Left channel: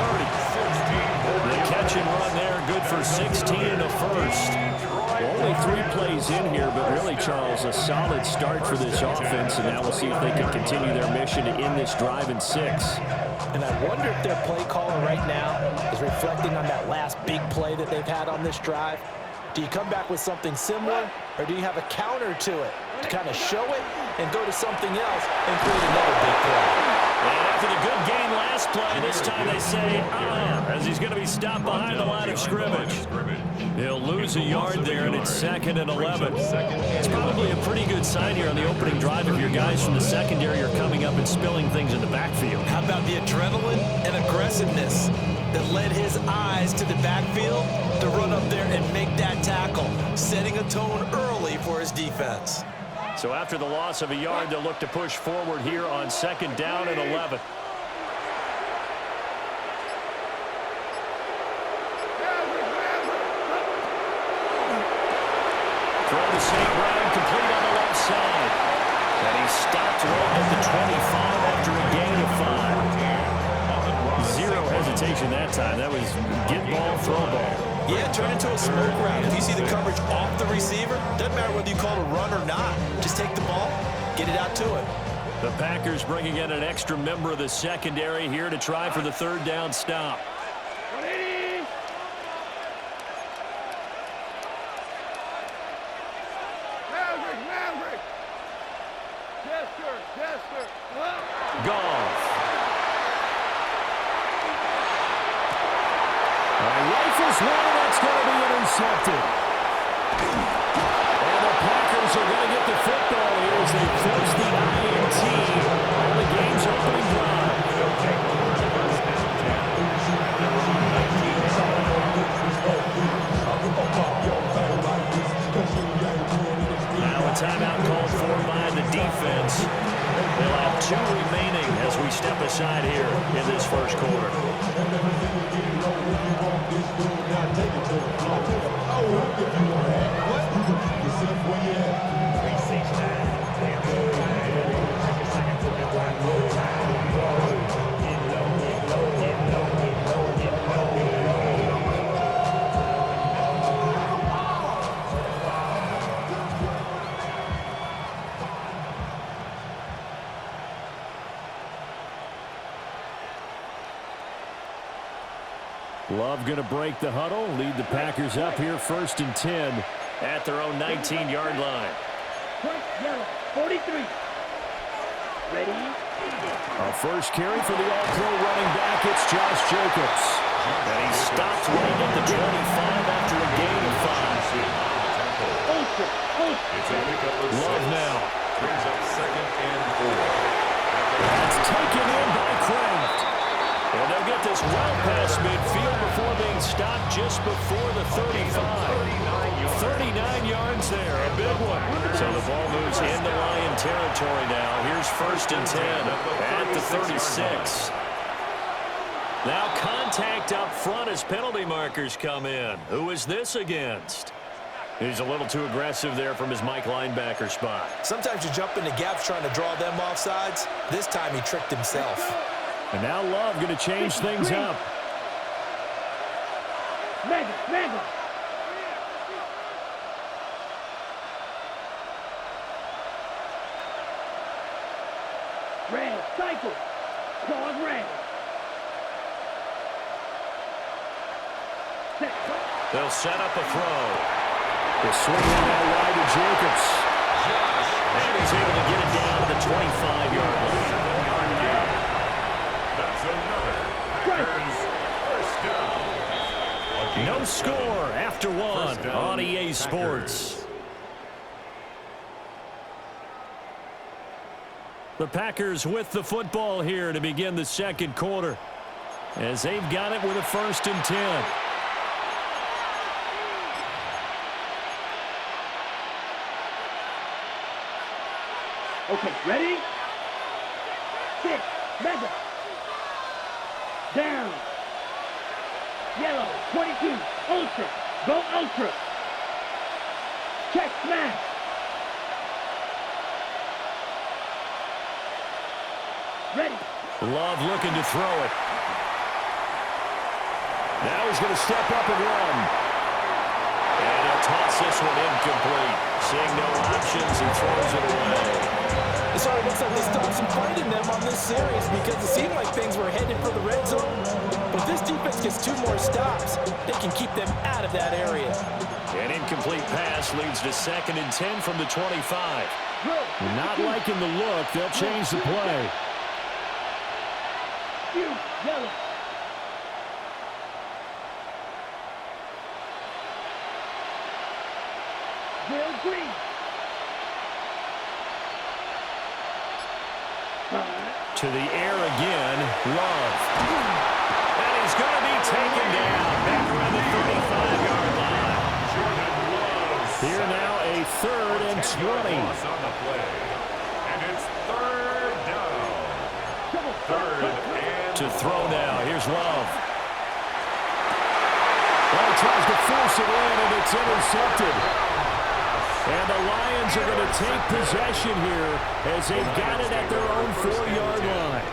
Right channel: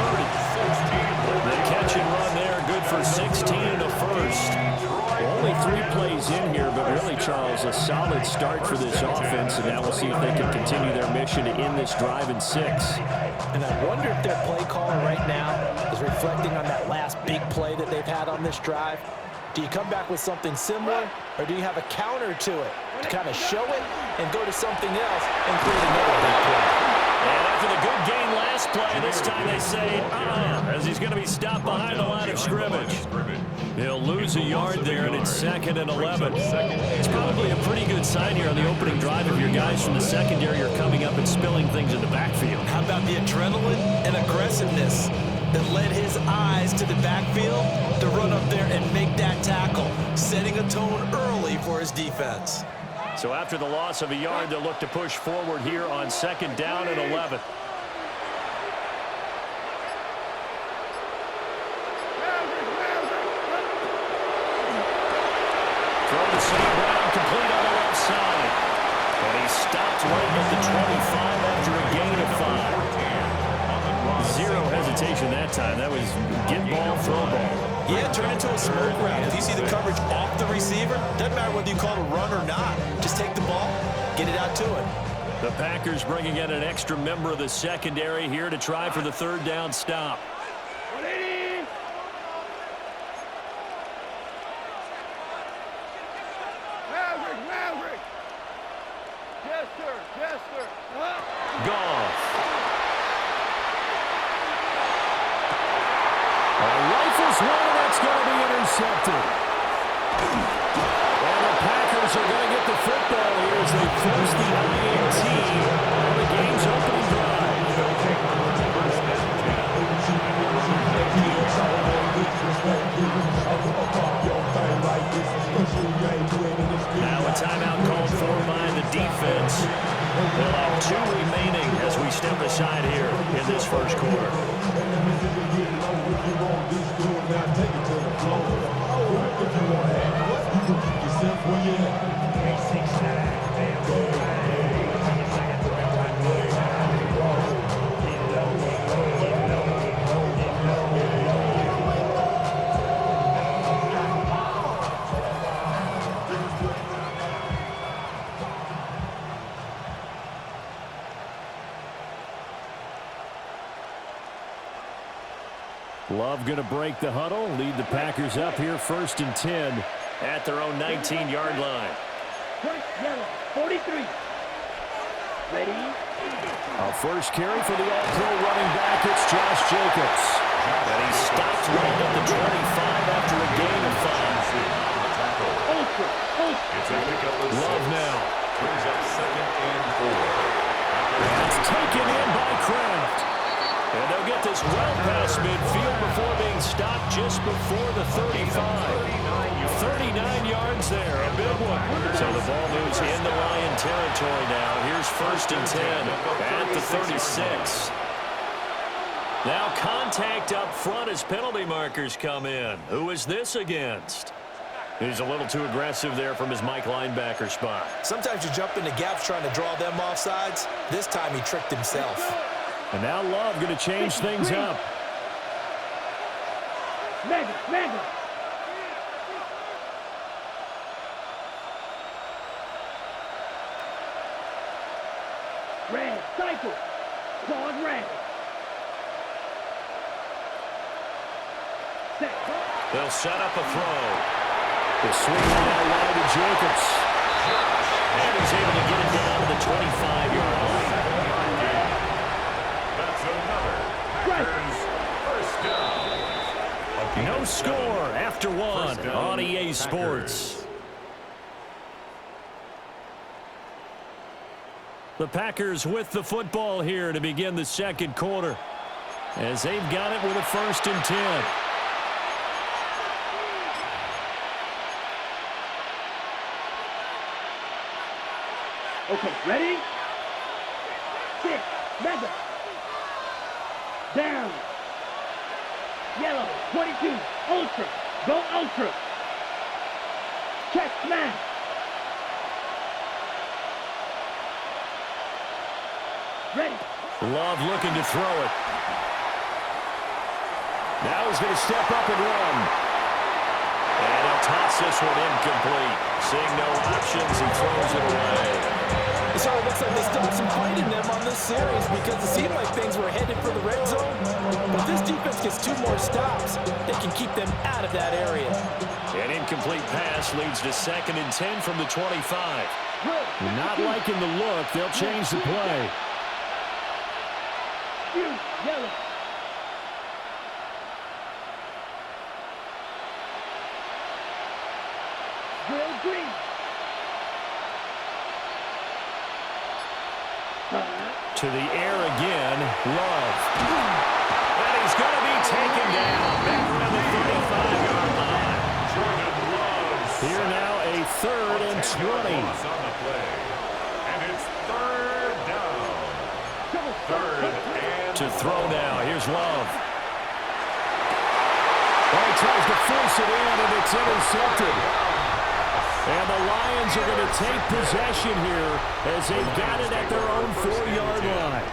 30. The catch and run there, good for 16 and a first. Only 3 plays in here, but really, Charles, a solid start for this offense, and now we'll see if they can continue their mission to end this drive in 6. And I wonder if their play caller right now is reflecting on that last big play that they've had on this drive. Do you come back with something similar, or do you have a counter to it to kind of show it and go to something else and create another big play? And after the good gain last play, this time they say, as he's going to be stopped behind the line of scrimmage. He'll lose a yard there, and it's 2nd and 11. It's probably a pretty good sign here on the opening drive if your guys from the secondary are coming up and spilling things in the backfield. How about the adrenaline and aggressiveness that led his eyes to the backfield to run up there and make that tackle, setting a tone early for his defense. So after the loss of a yard, they'll look to push forward here on 2nd down and 11. Throw to St. Brown, complete on the left side. And he stopped right at the 25 after a gain of 5. Zero hesitation that time. That was get ball, throw ball. Yeah, turn into a smoke route. If you see the coverage off the receiver, doesn't matter whether you call it a run or not. Just take the ball, get it out to it. The Packers bringing in an extra member of the secondary here to try for the 3rd down stop. 180. Maverick. Jester. Goff. Rifles one, and that's going to be intercepted. And the Packers are going to get the football here as they force the INT on the game's opening drive. Now a timeout called for by the defense. They'll have 2 remaining as we step aside here in this first quarter. Love going to break the huddle, lead the Packers up here 1st and 10 at their own 19-yard line. Front yellow, 43. Ready? A first carry for the all-pro running back, it's Josh Jacobs. And he stopped right at the 25 after a gain of 5. Ultra. It's a pickup of 6. Love now. Brings up 2nd and 4. That's taken in by Kraft. And they'll get this well past midfield before being stopped just before the 35. 39 yards there, a big one. So the ball moves into Lion territory now. Here's 1st and 10 at the 36. Now contact up front as penalty markers come in. Who is this against? He's a little too aggressive there from his Mike linebacker spot. Sometimes you jump into gaps trying to draw them off sides. This time he tricked himself. And now Love going to change things up. Mega. Red, cycle. Claws red. Set. They'll set up a throw. The swing now wide to Jacobs. And he's able to get it down to the 25-yard line. That's another Packers first down. No score after 1 on EA Sports. The Packers with the football here to begin the 2nd quarter, as they've got it with a 1st and 10. Okay, ready? 6, mega. Down. Yellow, 22, ultra. Go ultra. Check smash. Ready. Love looking to throw it. Now he's going to step up and run. And he'll toss this one incomplete. Seeing no options, he throws it away. So it looks like they still have some fight in them on this series because it seemed like things were headed for the red zone. But if this defense gets 2 more stops, they can keep them out of that area. An incomplete pass leads to 2nd and 10 from the 25. Not liking the look. They'll change the play. Yellow. Grill green. To the air again, Love. And he's going to be taken down back around the 35-yard line. Jordan Love. Here now a 3rd and 20. On the play. And it's 3rd down. 3rd and To throw now. Here's Love. Oh, he tries to force it in, and it's intercepted. And the Lions are going to take possession here as they've got it at their own 4-yard line.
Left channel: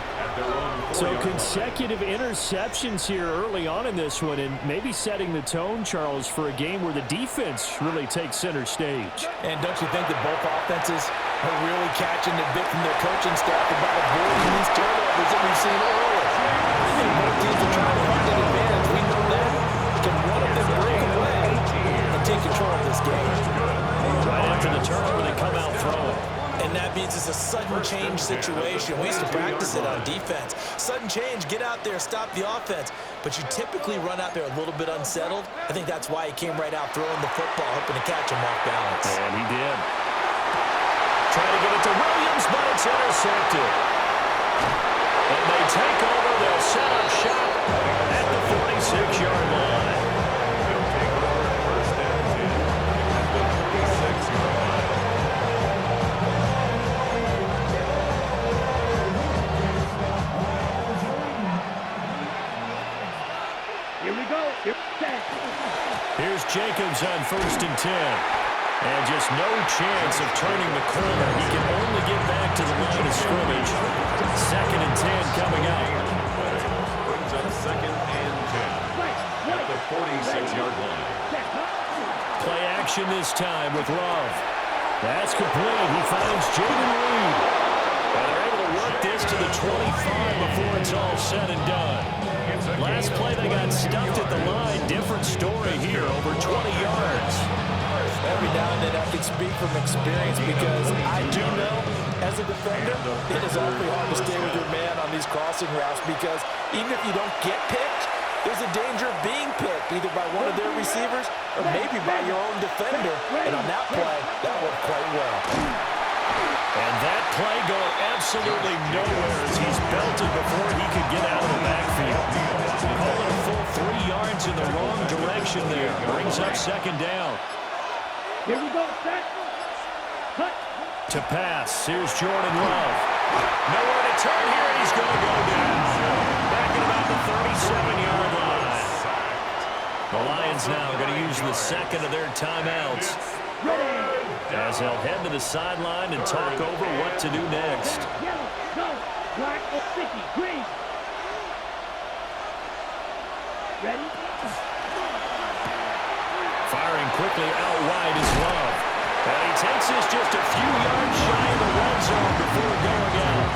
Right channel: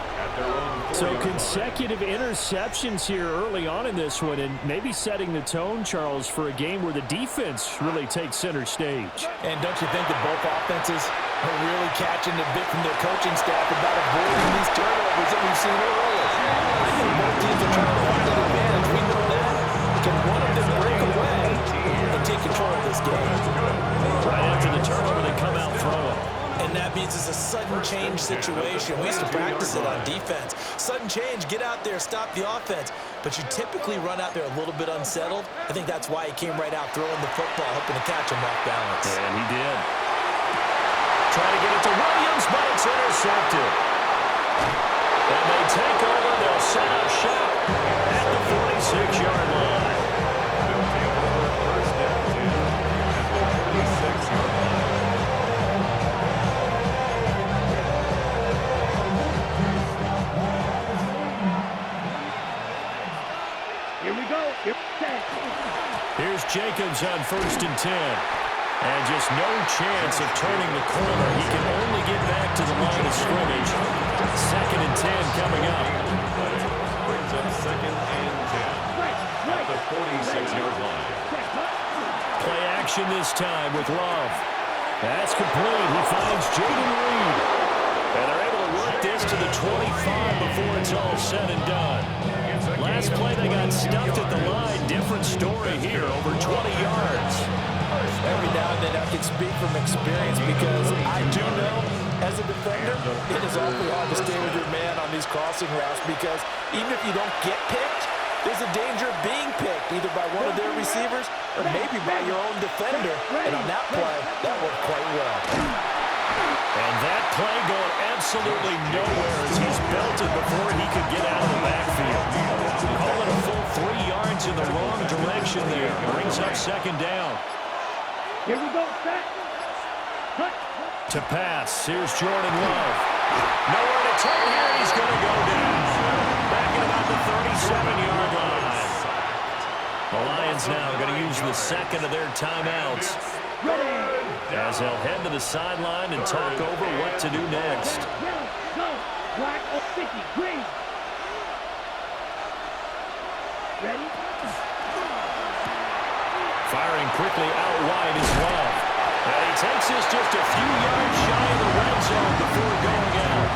So consecutive interceptions here early on in this one, and maybe setting the tone, Charles, for a game where the defense really takes center stage. And don't you think that both offenses are really catching a bit from their coaching staff about avoiding these turnovers that we've seen early? I think both teams are trying to find an advantage. We know that. Can one of them break away and take control of this game? Right after the turnover, they come out throwing. And that means it's a sudden change situation. We used to practice it on defense. Sudden change, get out there, stop the offense. But you typically run out there a little bit unsettled. I think that's why he came right out throwing the football, hoping to catch him off balance. And he did. Trying to get it to Williams, but it's intercepted. And they take over. They'll set up shop at the 46-yard line. They'll take over 1st and 10 at the 46-yard line. Here we go. Here's Jacobs on 1st and 10. And just no chance of turning the corner. He can only get back to the line of scrimmage. 2nd and 10 coming up. Brings up 2nd and 10 at the 46-yard line. Play action this time with Love. That's complete. He finds Jaden Reed. And they're able to work this to the 25 before it's all said and done. Last play, they got stuffed at the line. Different story here, over 20 yards. Every now and then I can speak from experience because I do know, as a defender, it is awfully hard to stay with your man on these crossing routes because even if you don't get picked, there's a danger of being picked either by one of their receivers or maybe by your own defender. And on that play, that worked quite well. And that play going absolutely nowhere as he's belted before he could get out of the backfield. Call it a full 3 yards in the wrong direction there. Brings up 2nd down. Here we go, set. Cut. To pass, here's Jordan Love. Nowhere to turn here, and he's going to go down. Back at about the 37-yard line. The Lions now going to use the 2nd of their timeouts. As they'll head to the sideline and talk over what to do next. Yellow, go. Black, or sticky, green. Ready? Firing quickly out wide is Love. And he takes this just a few yards shy of the red zone before going out.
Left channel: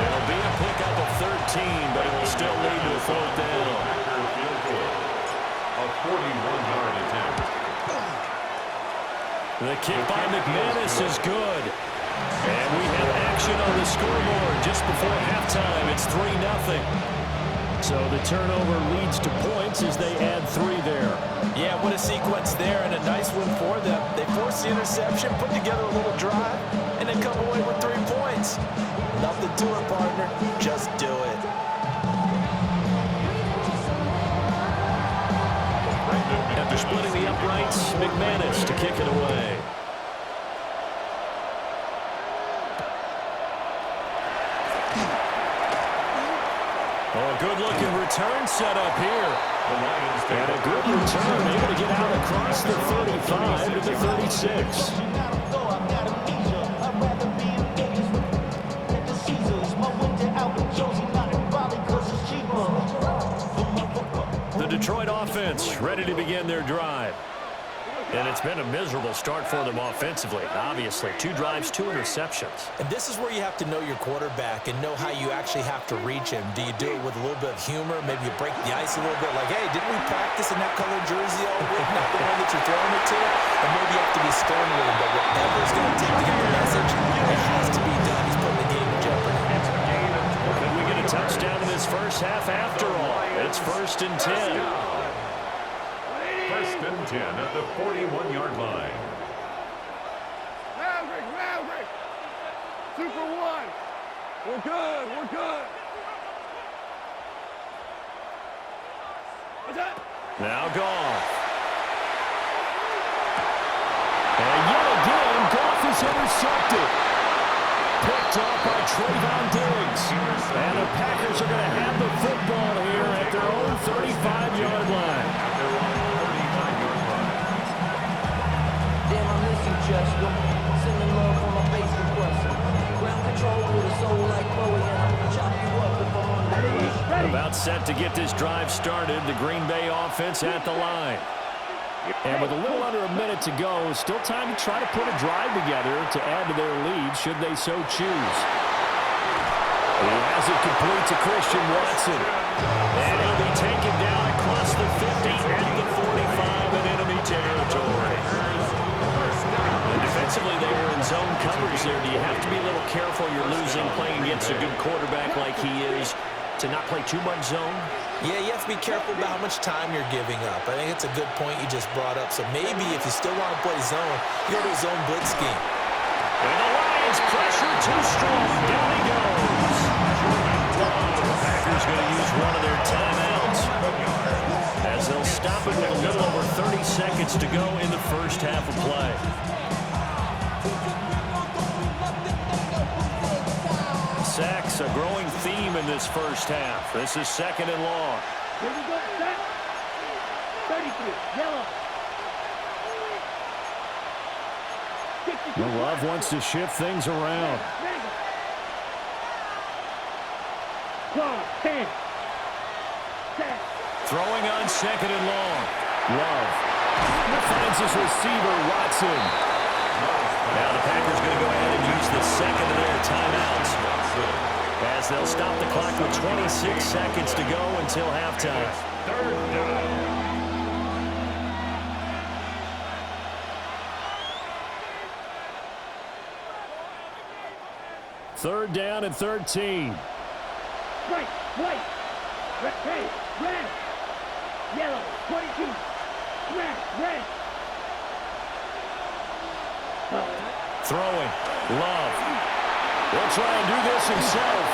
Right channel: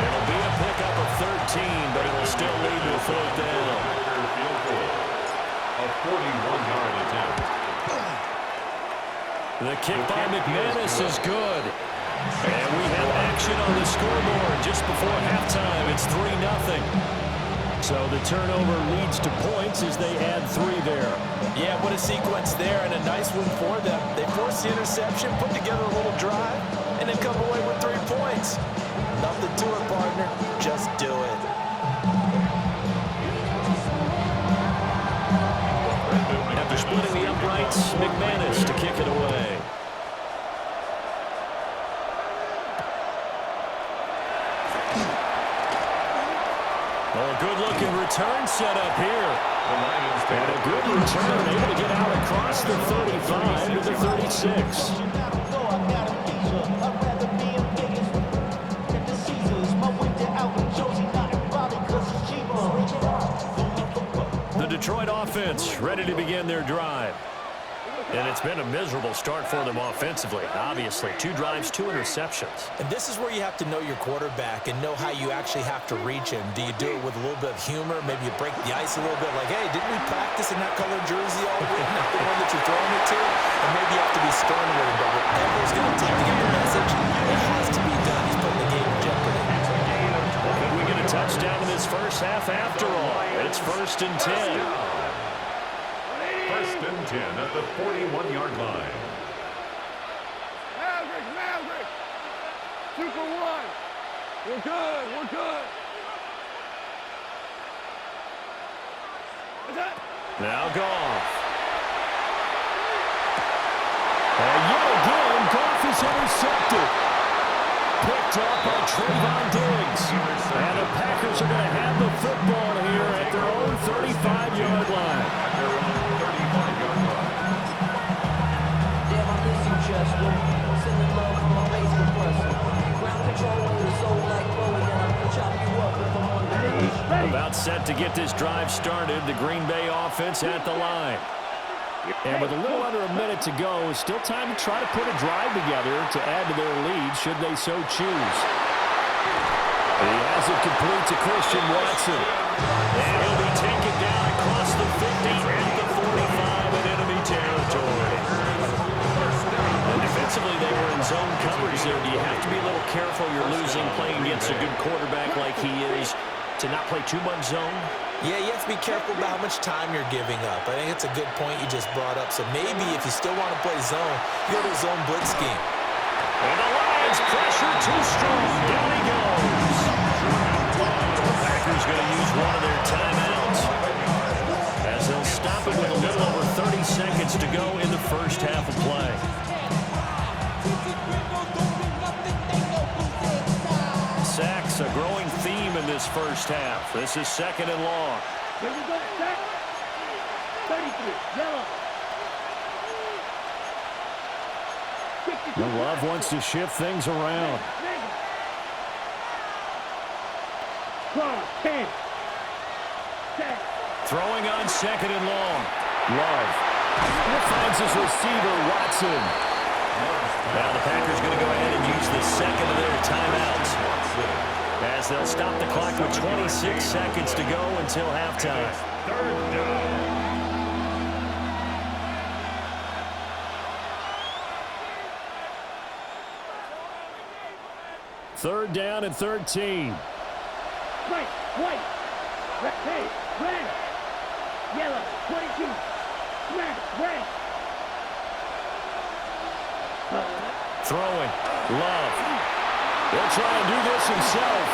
It'll be a pickup of 13, but it'll still lead to a 4th down. A 41-yard attempt. The kick by McManus is good. And we have action on the scoreboard just before halftime. It's 3-0. So the turnover leads to points as they add 3 there. Yeah, what a sequence there and a nice one for them. They force the interception, put together a little drive, and then come away with 3 points. Nothing to it, partner. Just do it. After splitting the uprights, McManus to kick it away. Oh, a good-looking return set up here. And a good return, able to get out across the 35 to the 36. The Detroit offense ready to begin their drive. And it's been a miserable start for them offensively, obviously. 2 drives, 2 interceptions. And this is where you have to know your quarterback and know how you actually have to reach him. Do you do it with a little bit of humor? Maybe you break the ice a little bit, like, hey, didn't we practice in that colored jersey all week? Not the one that you're throwing it to? Or maybe you have to be stern with him, but whatever it's going to take to get the message, it has to be done. He's putting the game in jeopardy. Could we get a touchdown in this first half after all? It's 1st and 10. 1st and 10 at the 41-yard line. Maverick. 2 for 1. We're good. What's that? Now Goff. And yet again, Goff is intercepted. Picked off by Trayvon Diggs. And the Packers are going to have the football here at their own 35-yard line. Damn, I miss you, Chester. Sending love from my face compressor. Ground control with a soul like Bowie, and I'll chop you up if I'm on the leash. About set to get this drive started, the Green Bay offense at the line. And with a little under a minute to go, still time to try to put a drive together to add to their lead should they so choose. He has it complete to Christian Watson. And he'll be taken down across the 50 at the 45 in enemy territory. And defensively, they were in zone coverage there. Do you have to be a little careful you're losing playing against a good quarterback like he is to not play too much zone? Yeah, you have to be careful about how much time you're giving up. I think it's a good point you just brought up. So maybe if you still want to play zone, you go to a zone blitz scheme. And the Lions pressure too strong. Down he goes. The Packers going to use one of their timeouts as they'll stop it with a little over 30 seconds to go in the first half of play. Sacks, a growing theme in this first half. This is 2nd and long. Here we go, set. 33, yellow. Love wants to shift things around. Clock, 10. Set. Throwing on 2nd and long. Love finds his receiver, Watson. Now the Packers going to go ahead and use the 2nd of their timeouts as they'll stop the clock with 26 seconds to go until halftime. 3rd down. Third down and 13. Right, white. Hey, red. Yellow, 22. Smash, red. Throwing. Love. He'll try and do this himself.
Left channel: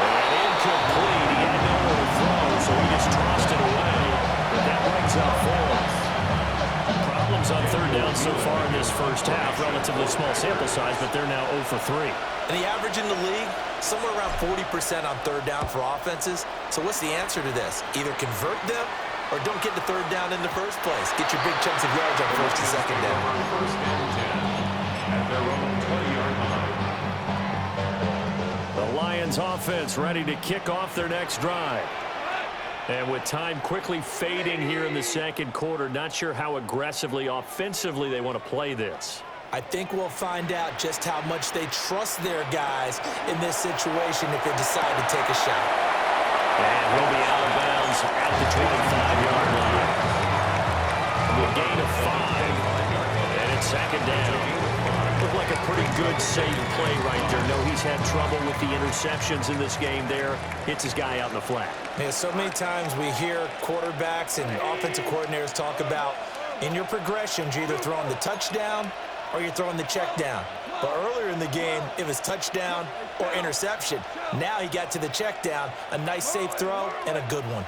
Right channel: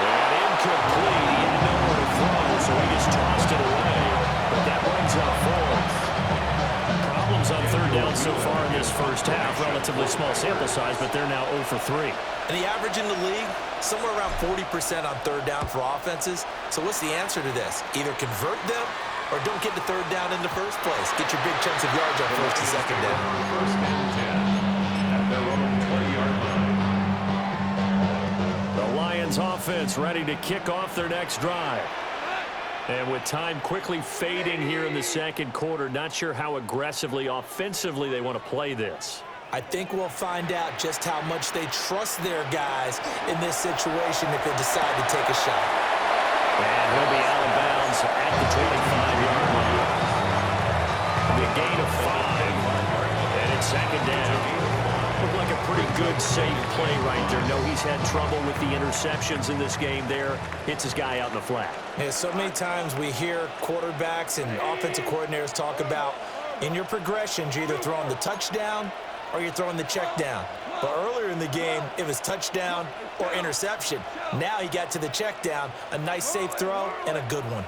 And incomplete. He had nowhere to throw, so he just tossed it away. But that brings up 4. Problems on 3rd down so far in this first half. Relatively small sample size, but they're now 0 for 3. And the average in the league, somewhere around 40% on 3rd down for offenses. So what's the answer to this? Either convert them or don't get to 3rd down in the first place. Get your big chunks of yards on 1st and 2nd down. 1st and 10 at their own 20-yard line. The Lions offense ready to kick off their next drive. And with time quickly fading here in the 2nd quarter, not sure how aggressively offensively they want to play this. I think we'll find out just how much they trust their guys in this situation if they decide to take a shot. And he'll be out of bounds at the 25-yard line. It'll be a gain of 5. And it's 2nd down. Looked like a pretty good, safe play right there. No, he's had trouble with the interceptions in this game there. Hits his guy out in the flat. Yeah, so many times we hear quarterbacks and offensive coordinators talk about in your progressions, you're either throwing the touchdown or you're throwing the check down. But earlier in the game, it was touchdown or interception. Now he got to the check down, a nice safe throw and a good one.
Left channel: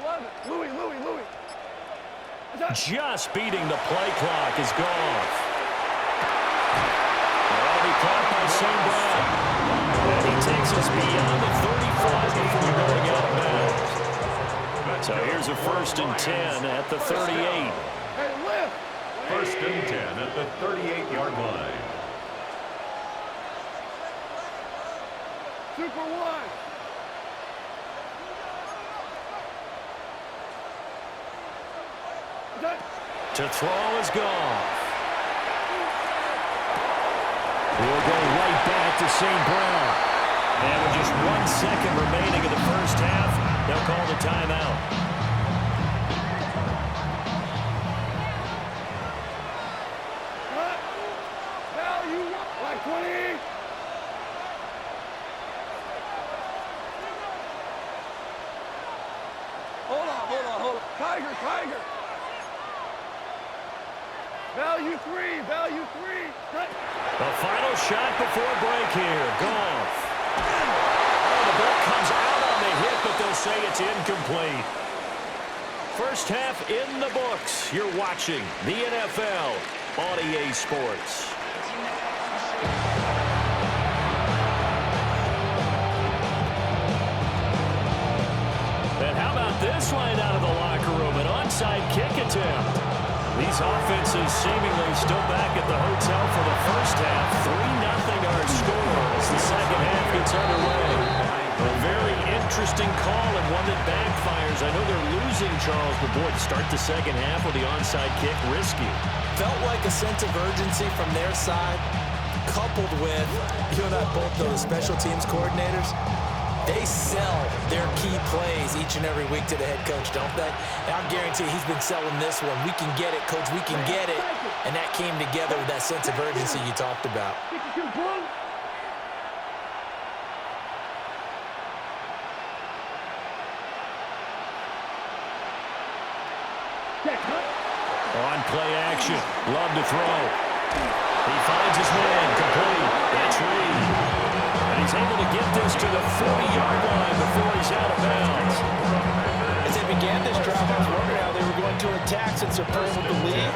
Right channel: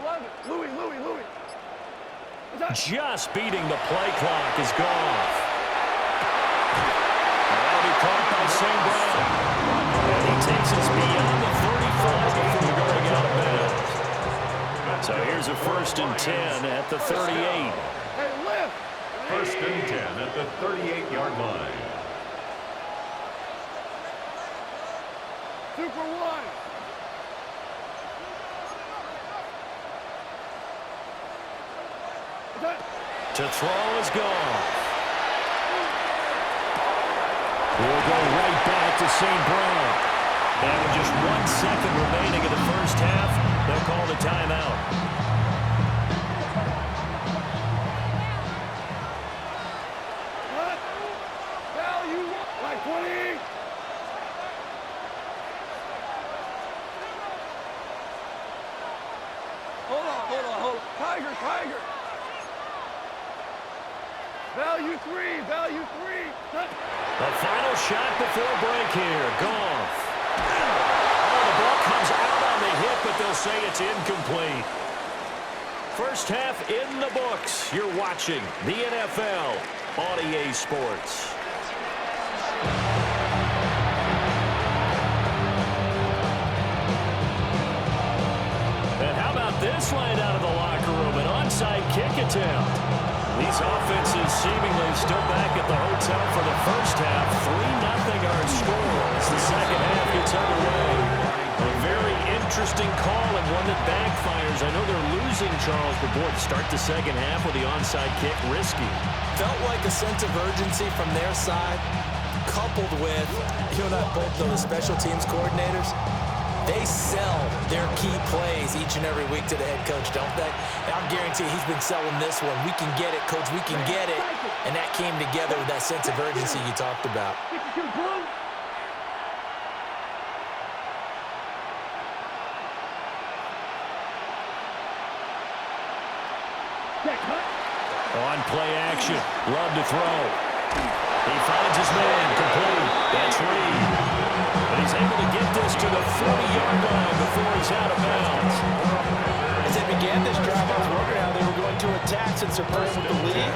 11. Louis. Just beating the play clock is Goff. That'll be caught by St. Brown. And he takes us beyond the 35 before going out of bounds. So here's a 1st and 10 at the 38. Hey, lift. 1st and 10 at the 38-yard line. Super one. To throw is gone. He'll go right back to St. Brown. And with just 1 second remaining in the first half, they'll call the timeout. What? Value like 20. Hold on. Tiger. Value three. The final shot before break here. Goff. Oh, the ball comes out on the hit, but they'll say it's incomplete. First half in the books. You're watching the NFL on EA Sports. And how about this line out of the locker room? An onside kick attempt. These offenses seemingly still back at the hotel for the first half. 3-0 our score as the second half gets underway. A very interesting call and one that backfires. I know they're losing, Charles, but boy, to start the second half with the onside kick, risky. Felt like a sense of urgency from their side, coupled with, you and I both know the special teams coordinators. They sell their key plays each and every week to the head coach, don't they? And I guarantee he's been selling this one. We can get it, coach. We can get it. And that came together with that sense of urgency you talked about. On play action. Love to throw. He finds his man. Complete. That's Reed. And he's able to get this to the 40-yard line before he's out of bounds. As they began this drive, I was wondering how they were going to attack since they're playing with the lead.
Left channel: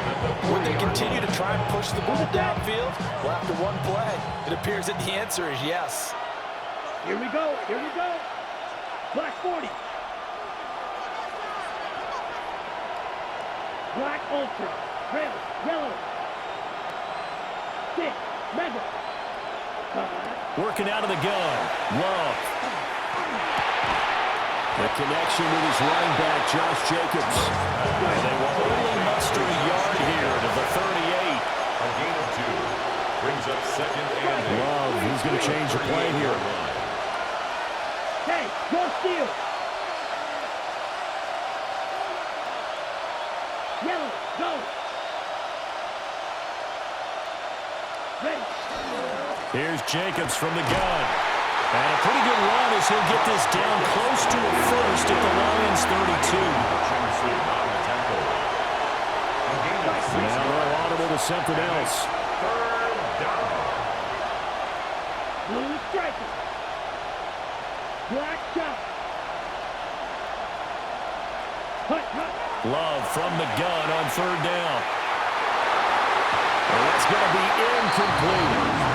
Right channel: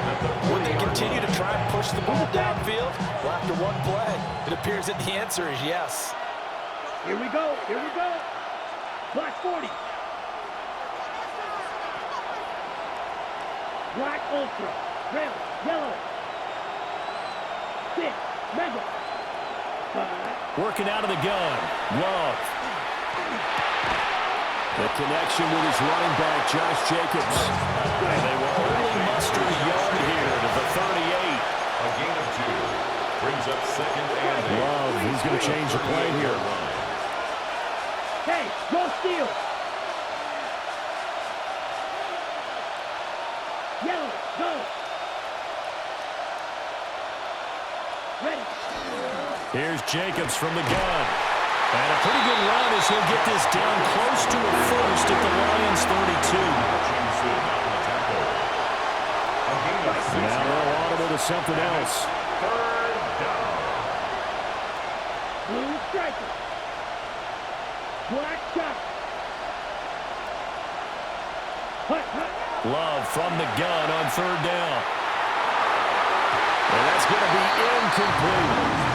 Would they continue to try and push the ball downfield? Well, after one play, it appears that the answer is yes. Here we go. Black 40. Black Ultra. Red, yellow. 6, mega. Working out of the gun. Love. The connection with his running back, Josh Jacobs. And they will only muster a yard here to the 38. A gain of 2. Brings up second and 8. Love, he's going to change the play here. Hey, go steal. Yellow, go. Ready. Here's Jacobs from the gun. And a pretty good run as he'll get this down close to a first at the Lions 32. Now they're audible to something else. Third down. Blue striker. Black shot. Hut. Love from the gun on third down. And that's going to be incomplete.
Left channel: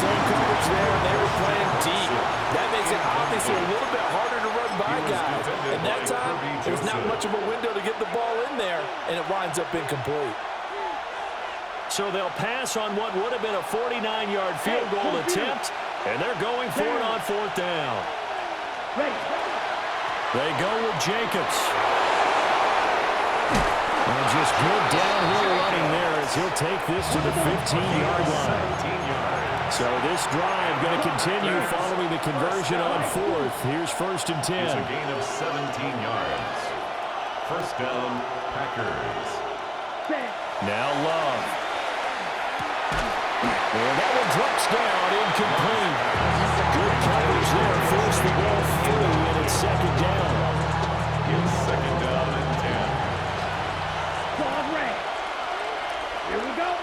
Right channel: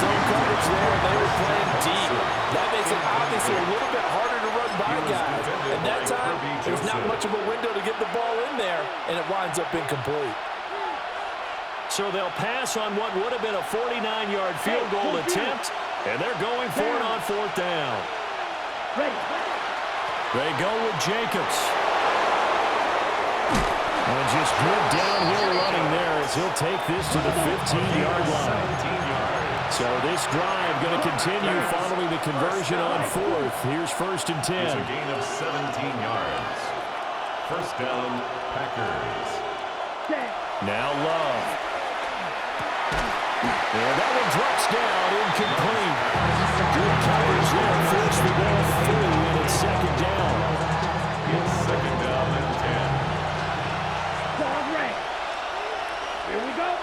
Zone coverage there, and they were playing deep. That makes it obviously a little bit harder to run by guys. And that time, there's not much of a window to get the ball in there, and it winds up incomplete. So they'll pass on what would have been a 49-yard field goal attempt, and they're going for it on fourth down. Ready. They go with Jacobs. And just good downhill running there as he'll take this to the 15-yard line. So this drive going to continue following the conversion on fourth. Here's first and 10. It's a gain of 17 yards. First down, Packers. Now Love. And that one drops down, incomplete. Good coverage there, forced the ball through, and it's second down. It's second down and 10. Quad red. Here we go.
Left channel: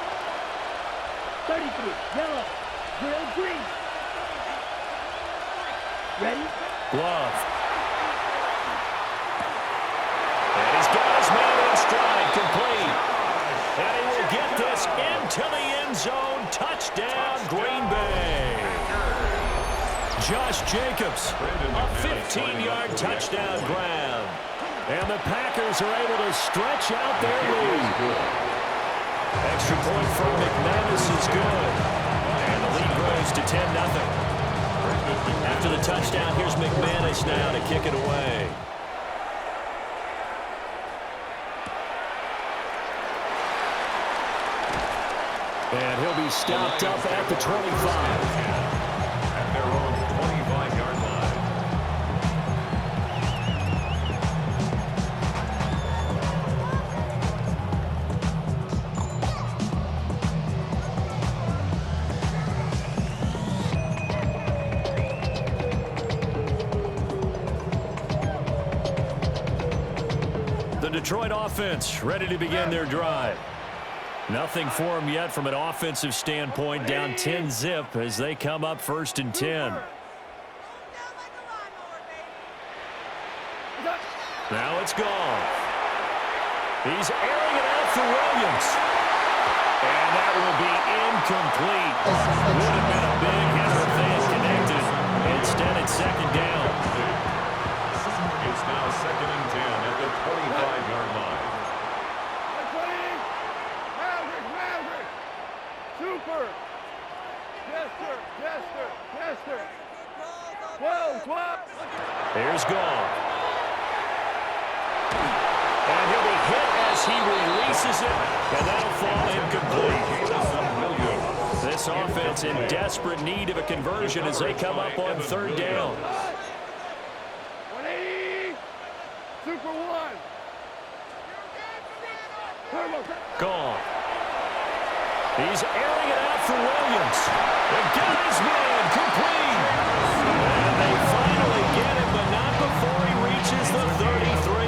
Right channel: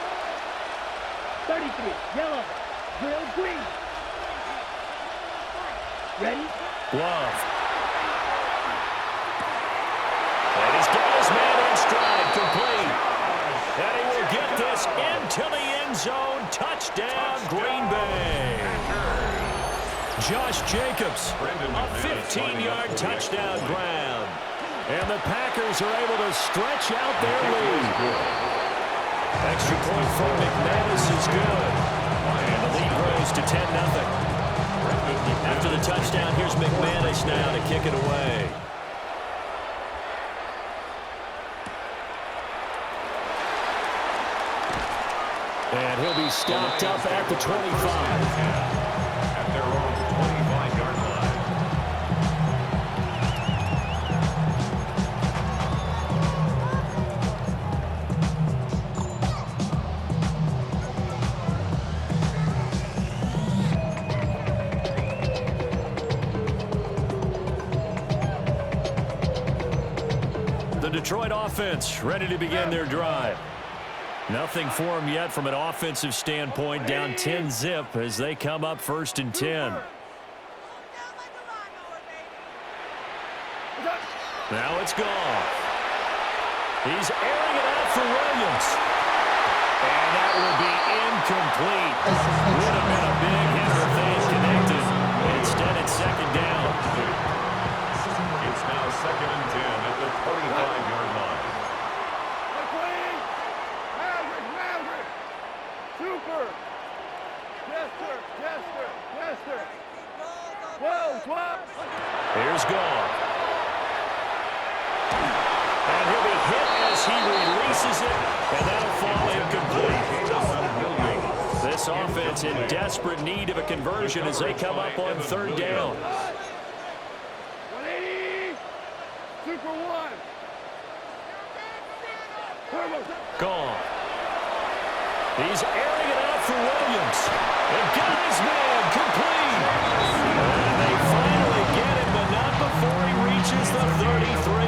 33, yellow. Grill green. Ready? Love. And he's got his man in stride, complete. And he will get this into the end zone. Touchdown, Green Bay. Josh Jacobs, a 15-yard touchdown grab. And the Packers are able to stretch out their lead. Extra point from McManus is good. And the lead grows to 10-0. After the touchdown, here's McManus now to kick it away. And he'll be stopped up at the 25. At their own 25-yard line. The Detroit offense ready to begin their drive. Nothing for them yet from an offensive standpoint. Down 10-zip as they come up 1st and 10. Now it's gone. He's airing it out for Williams. And that will be incomplete. Would have been a big hitter if they had connected. Instead, it's 2nd down. It's now 2nd and 10 at the 25-yard line. Super! Jester! 12! Here's Goff. And he'll be hit as he releases it, and that'll fall incomplete. This offense in desperate need of a conversion as they come up on 3rd down. 180! Super 1! Goff. He's airing it out for Williams. And got his man complete. And they finally get it, but not before he reaches the 33.